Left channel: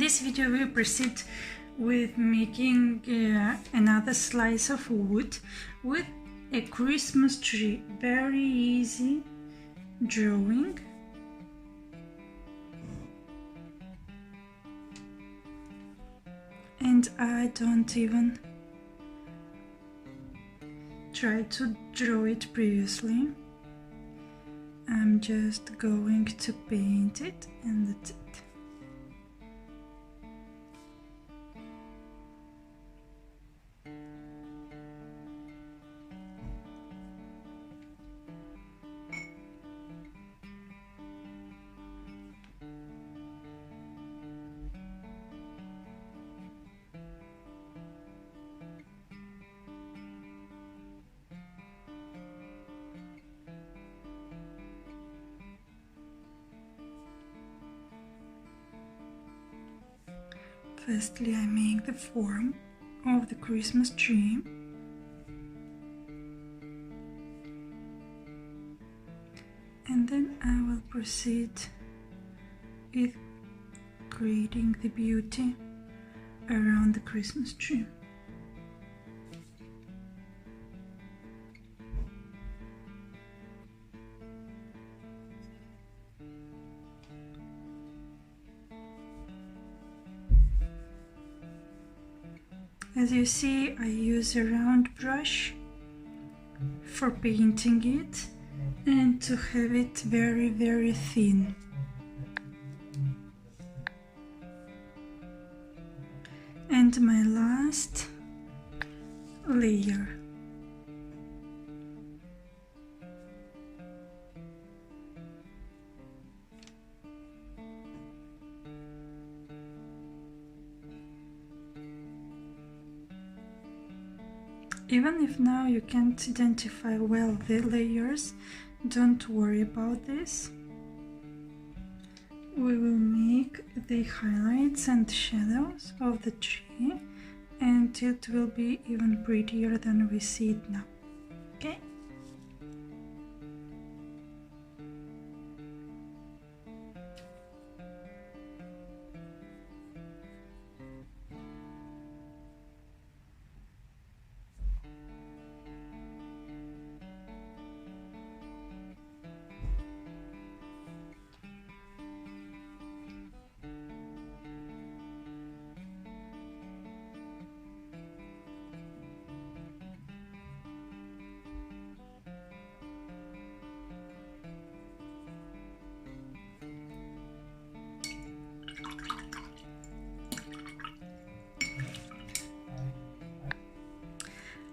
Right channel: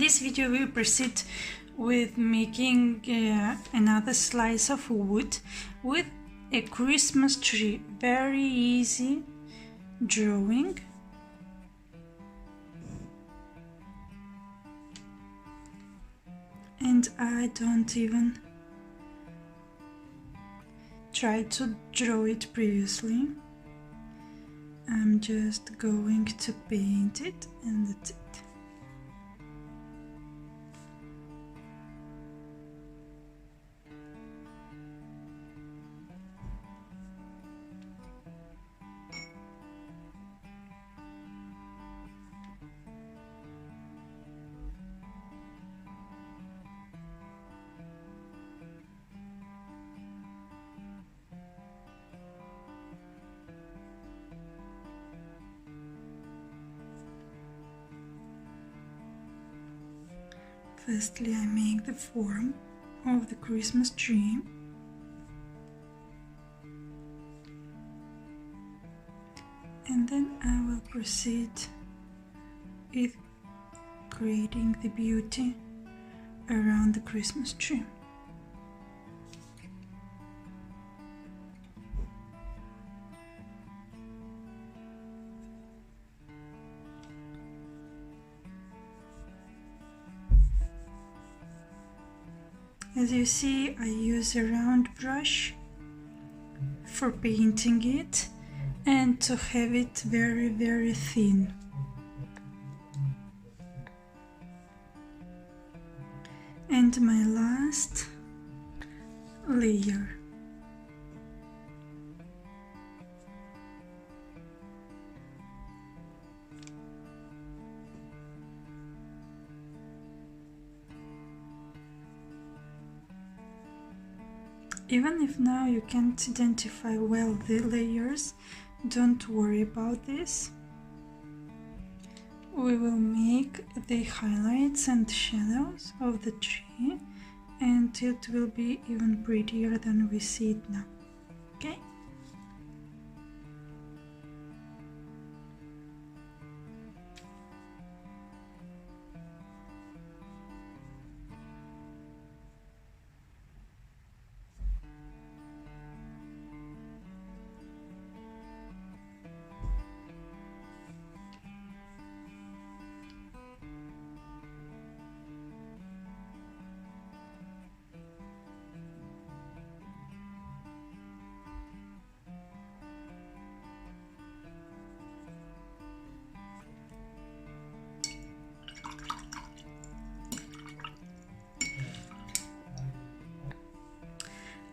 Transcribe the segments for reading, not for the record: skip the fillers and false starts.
this video we proceed with making another slice of wood with a Christmas tree. Very easy drawing. And I don't even try to draw it previously. I'm just going to paint it and that's it. Firstly, I make the form of the Christmas tree. And then I will proceed with creating the beauty around the Christmas tree. As you see, I use a round brush for painting it and to have it very thin. And my last layer. Even if now you can't identify well the layers, don't worry about this. We will make the highlights and shadows of the tree and it will be even prettier than we see it now. Okay?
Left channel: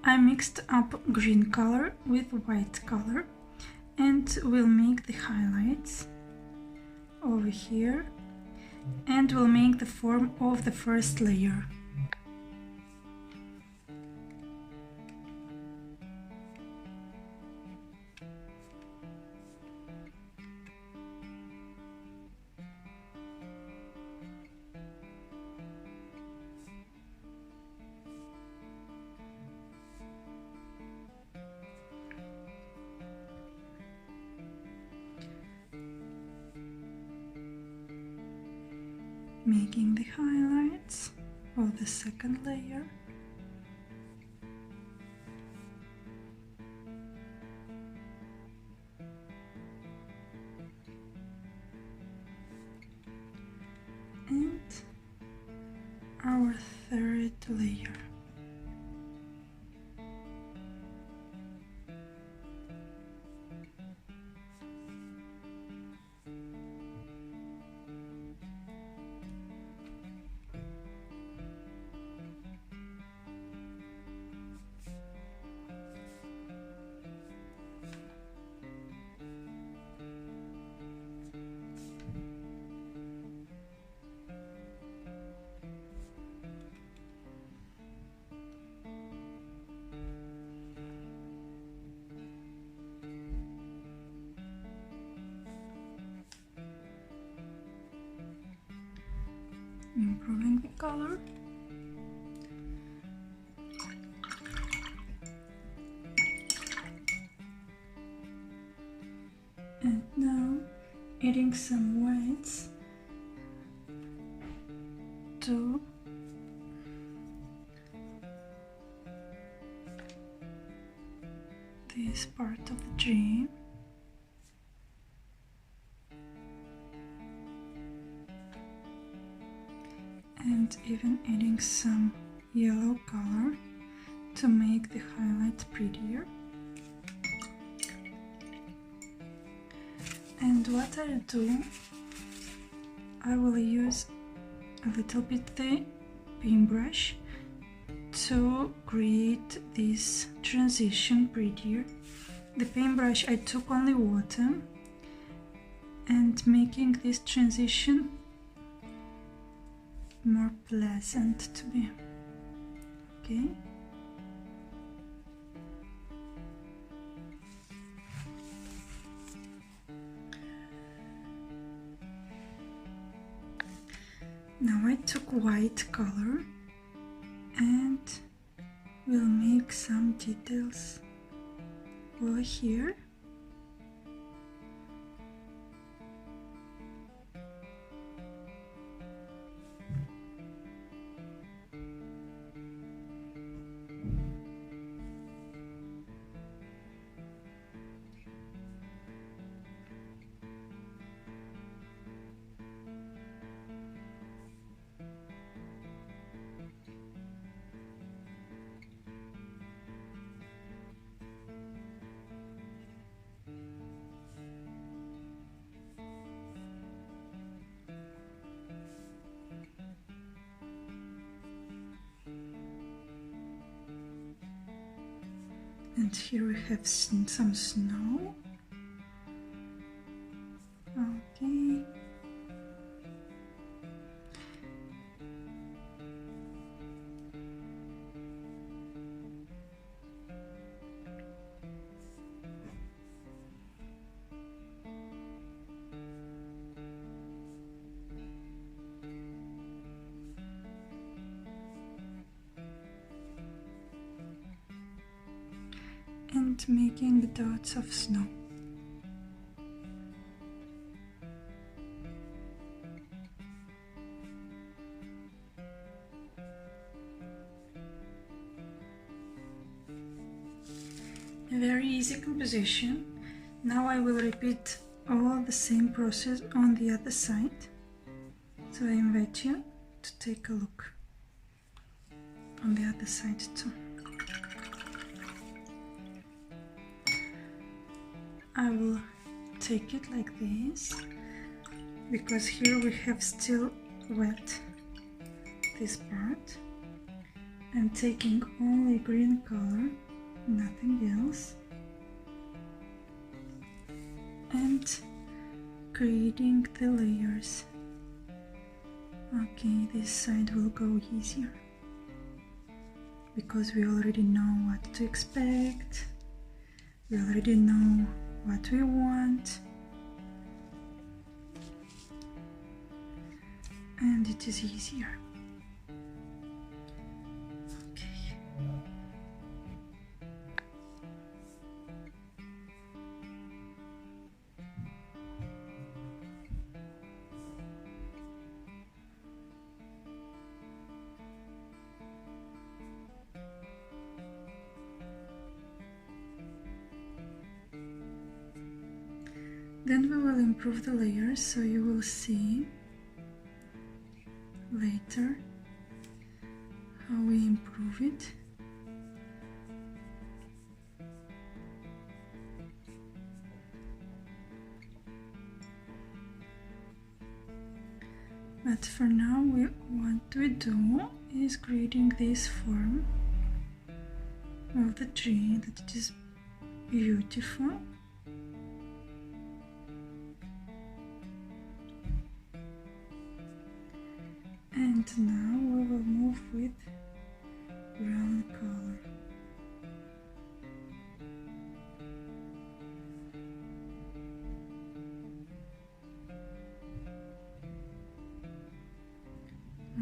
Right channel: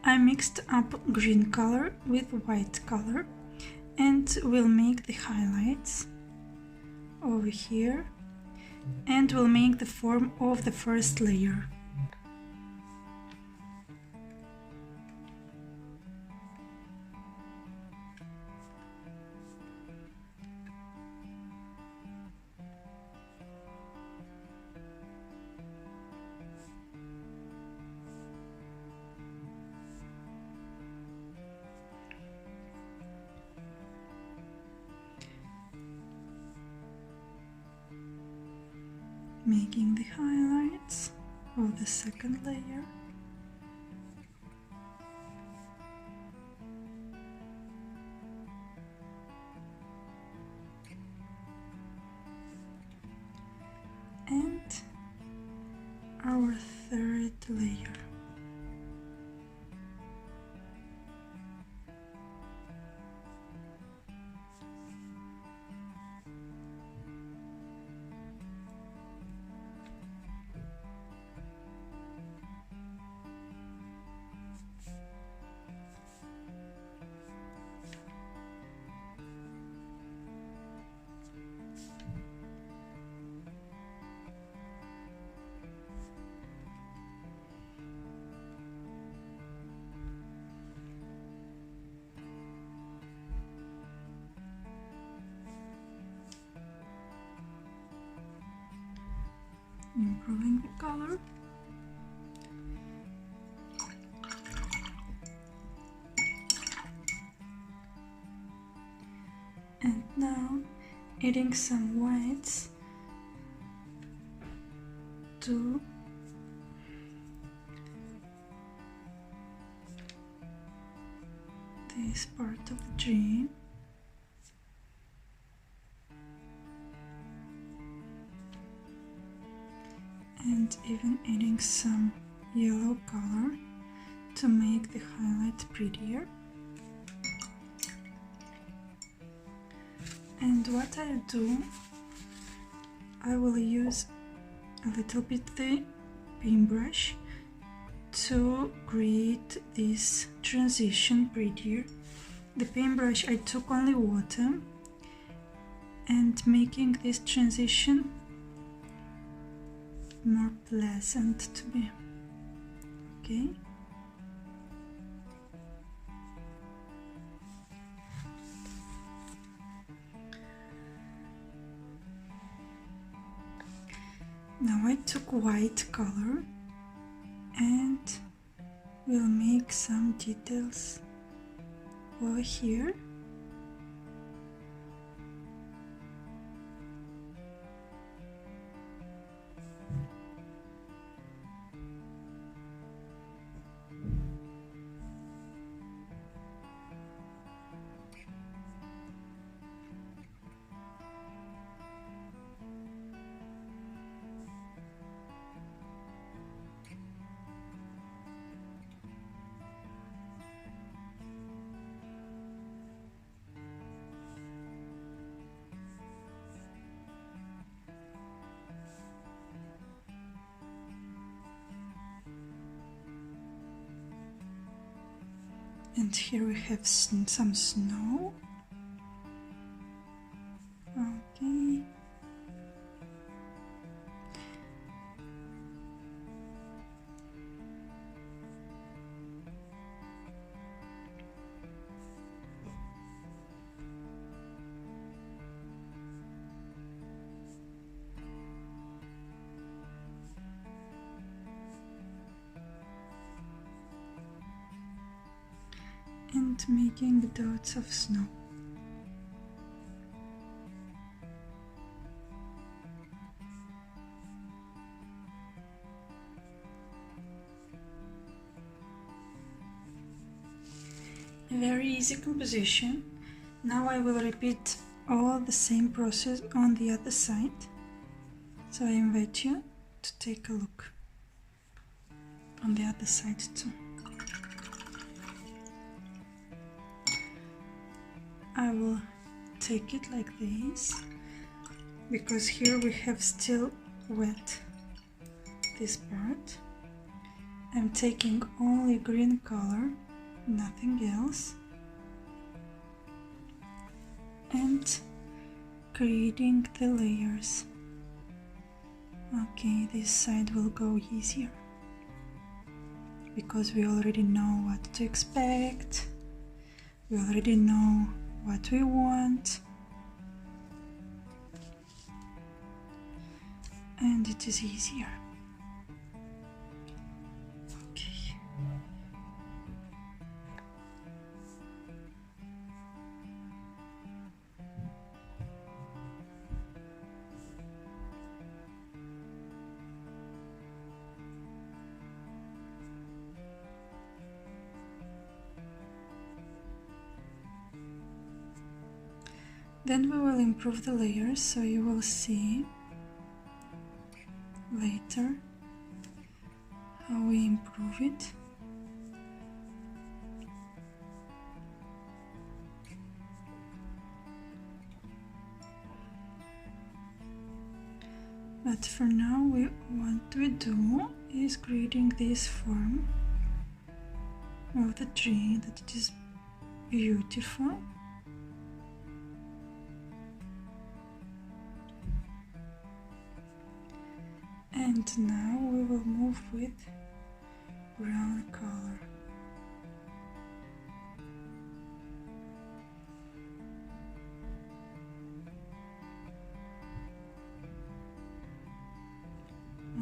I mixed up green color with white color and will make the highlights over here and will make the form of the first layer. Making the highlights of the second layer. And our third layer. Improving the color. And now adding some whites to this part of the tree. And even adding some yellow color to make the highlight prettier. And what I'll do, I will use a little bit the paintbrush to create this transition prettier. The paintbrush, I took only water and making this transition more pleasant to be. Okay. Now I took white color and we'll make some details over here. And here we have some snow. Okay. And making dots of snow. A very easy composition. Now I will repeat all the same process on the other side. So I invite you to take a look on the other side too. I will take it like this, because here we have still wet this part. I'm taking only green color, nothing else, and creating the layers. Okay, this side will go easier, because we already know what to expect, we already know what we want, and it is easier. Okay. Then we will improve the layers, so you will see later how we improve it. But for now, what we do is creating this form of the tree, that it is beautiful. And now we will move with brown color.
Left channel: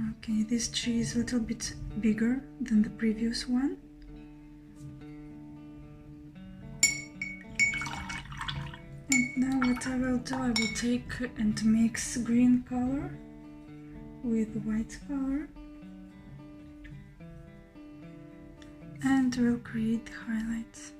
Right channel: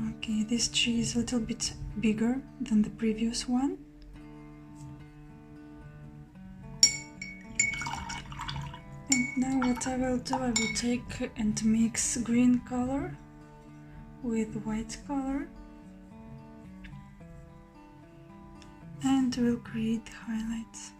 Okay, this tree is a little bit bigger than the previous one. And now what I will do, I will take and mix green color with white color, and we'll create highlights.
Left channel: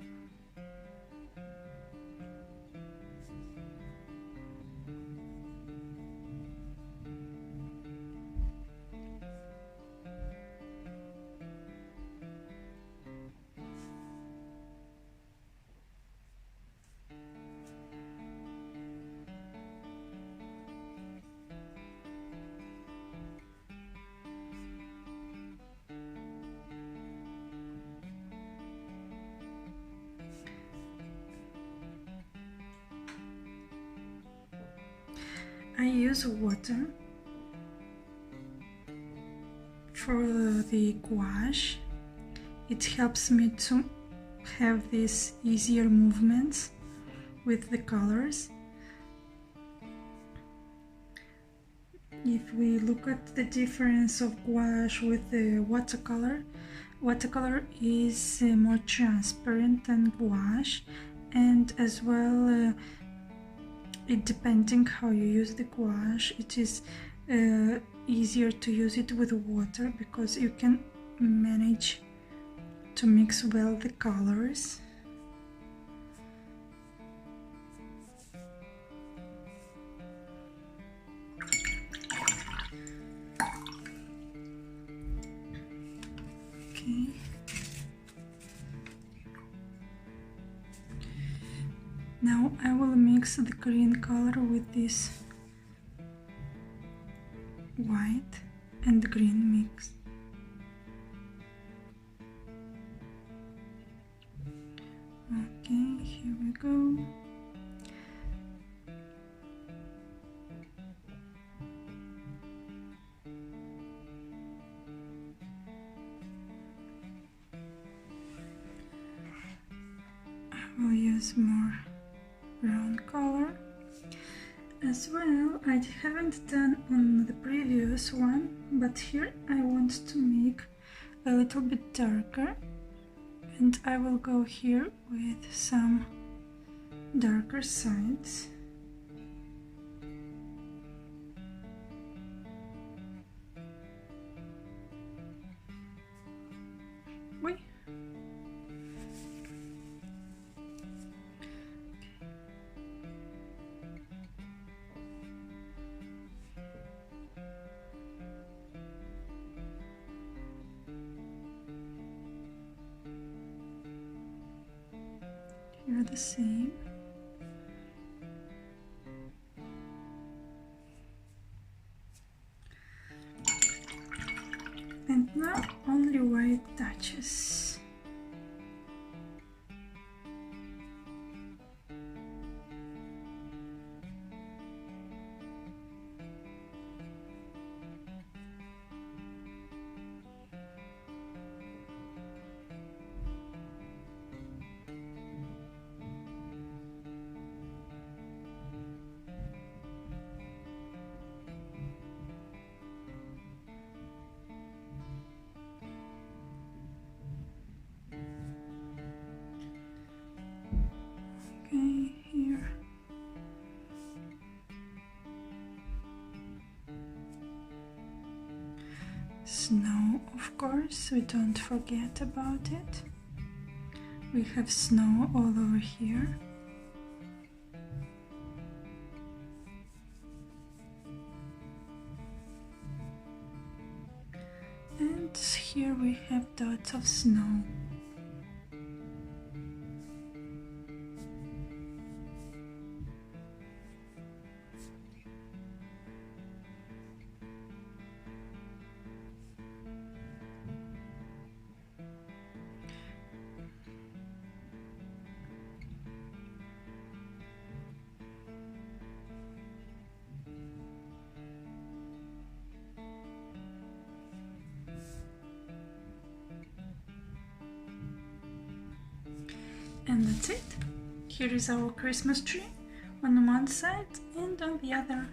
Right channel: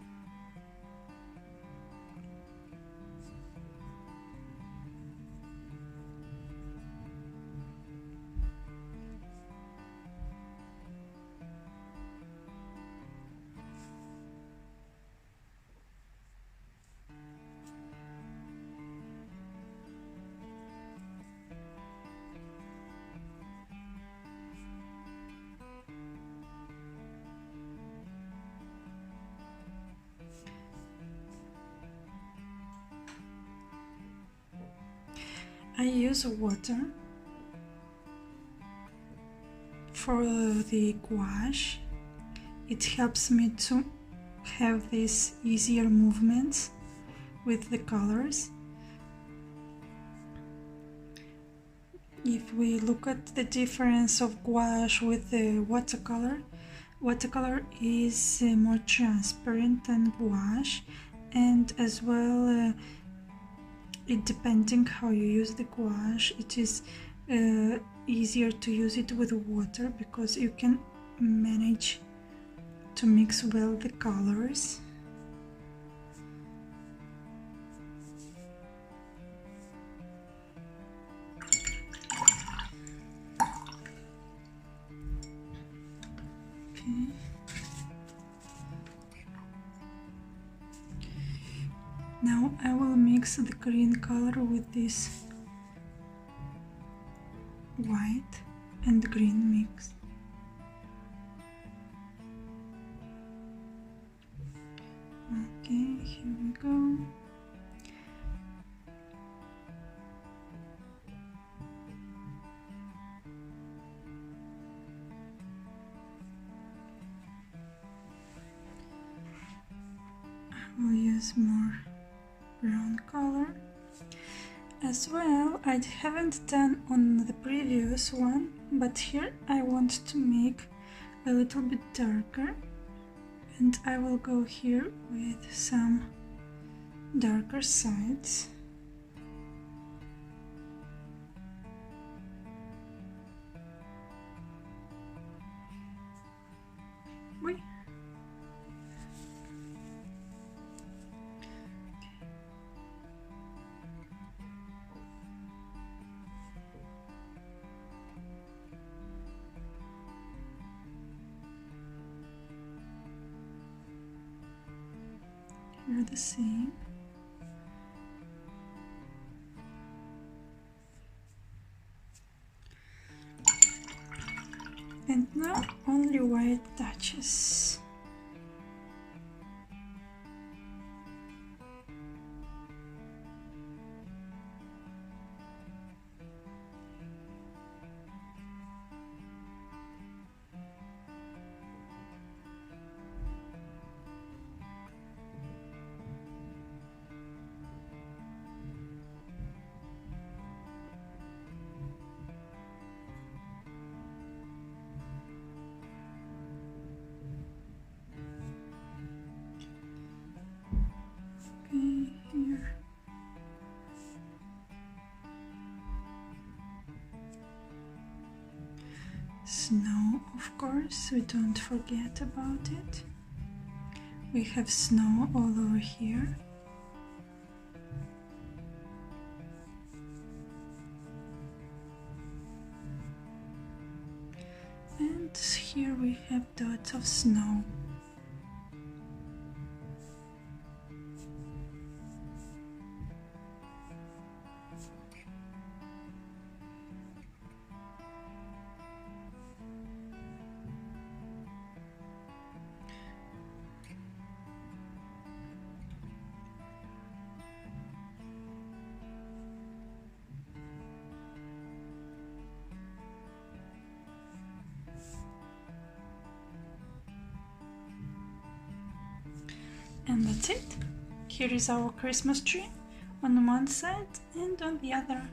I use water for the gouache. It helps me to have these easier movements with the colors. If we look at the difference of gouache with the watercolor, watercolor is more transparent than gouache, and as well it depending how you use the gouache, it is easier to use it with water because you can manage to mix well the colors. Okay. Now I will mix the green color with this white and green mix. Okay, here we go. I will use more brown color. As well, I haven't done on the previous one, but here I want to make a little bit darker, and I will go here with some darker sides. Wait. Here the same. And now only white touches. Here. Snow, of course, we don't forget about it. We have snow all over here. And here we have dots of snow. And that's it. Here is our Christmas tree on one side, and on the other